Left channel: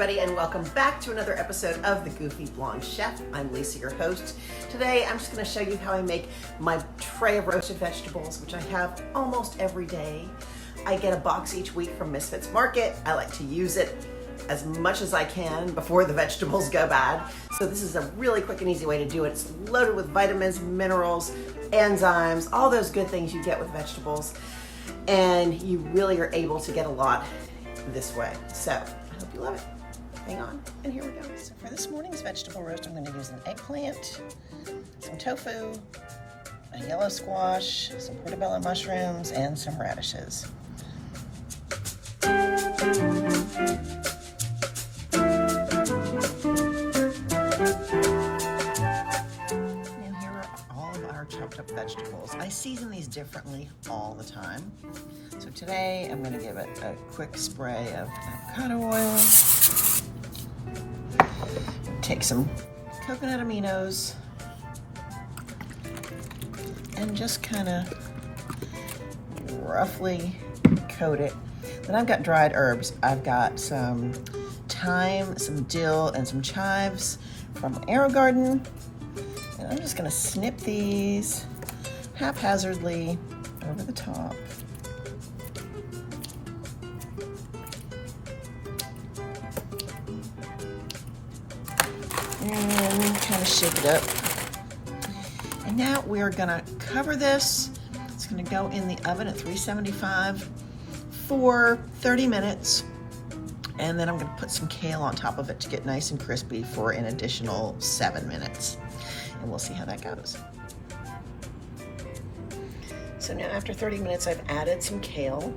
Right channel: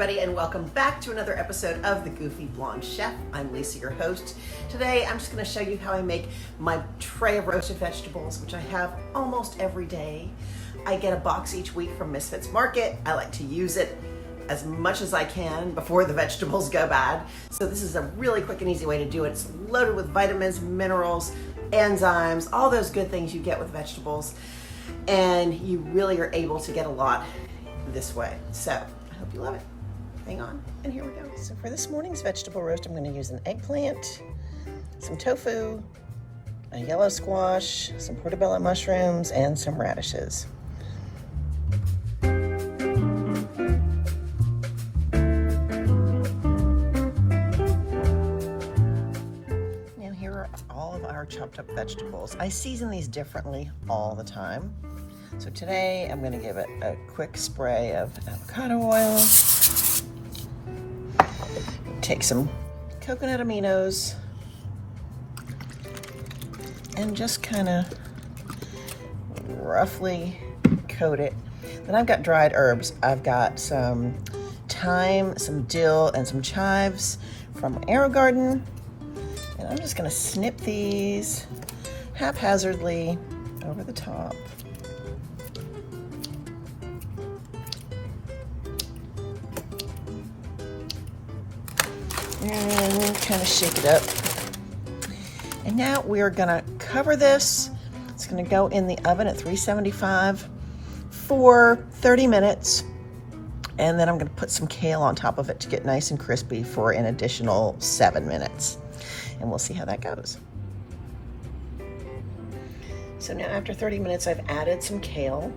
everybody, and welcome back to another episode of The Goofy Blonde Chef. I'm Lisa, your host. Today, I'm just going to show you how I make my tray of roasted vegetables, which I have almost every day. I get a box each week from Misfits Market. I like to use it as much as I can before the vegetables go bad. So this is a really quick and easy way to do it. It's loaded with vitamins, minerals, enzymes, all those good things you get with vegetables. And you really are able to get a lot this way. So I hope you love it. Hang on, and here we go. So for this morning's vegetable roast, I'm going to use an eggplant, some tofu, a yellow squash, some portobello mushrooms, and some radishes. Chopped up vegetables. I season these differently all the time. So today I'm going to give it a quick spray of avocado oil. Take some coconut aminos and just kind of roughly coat it. Then I've got dried herbs. I've got some thyme, some dill, and some chives from Arrow Garden. I'm just going to snip these haphazardly over the top. And kind of shake it up. And now we are going to cover this. It's going to go in the oven at 375 for 30 minutes. And then I'm going to put some kale on top of it to get nice and crispy for an additional 7 minutes. And we'll see how that goes. So now after 30 minutes, I've added some kale,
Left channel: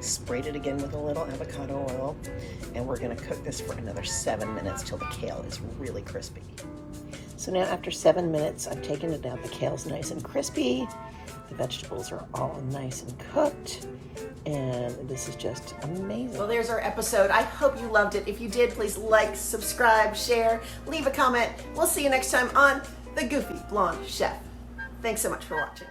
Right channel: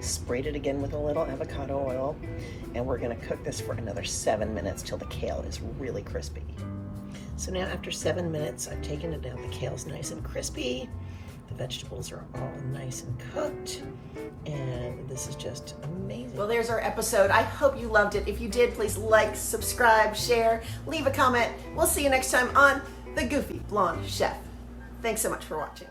sprayed it again with a little avocado oil, and we're gonna cook this for another 7 minutes till the kale is really crispy. So now after 7 minutes, I've taken it out. The kale's nice and crispy. The vegetables are all nice and cooked. And this is just amazing. Well, there's our episode. I hope you loved it. If you did, please like, subscribe, share, leave a comment. We'll see you next time on The Goofy Blonde Chef. Thanks so much for watching.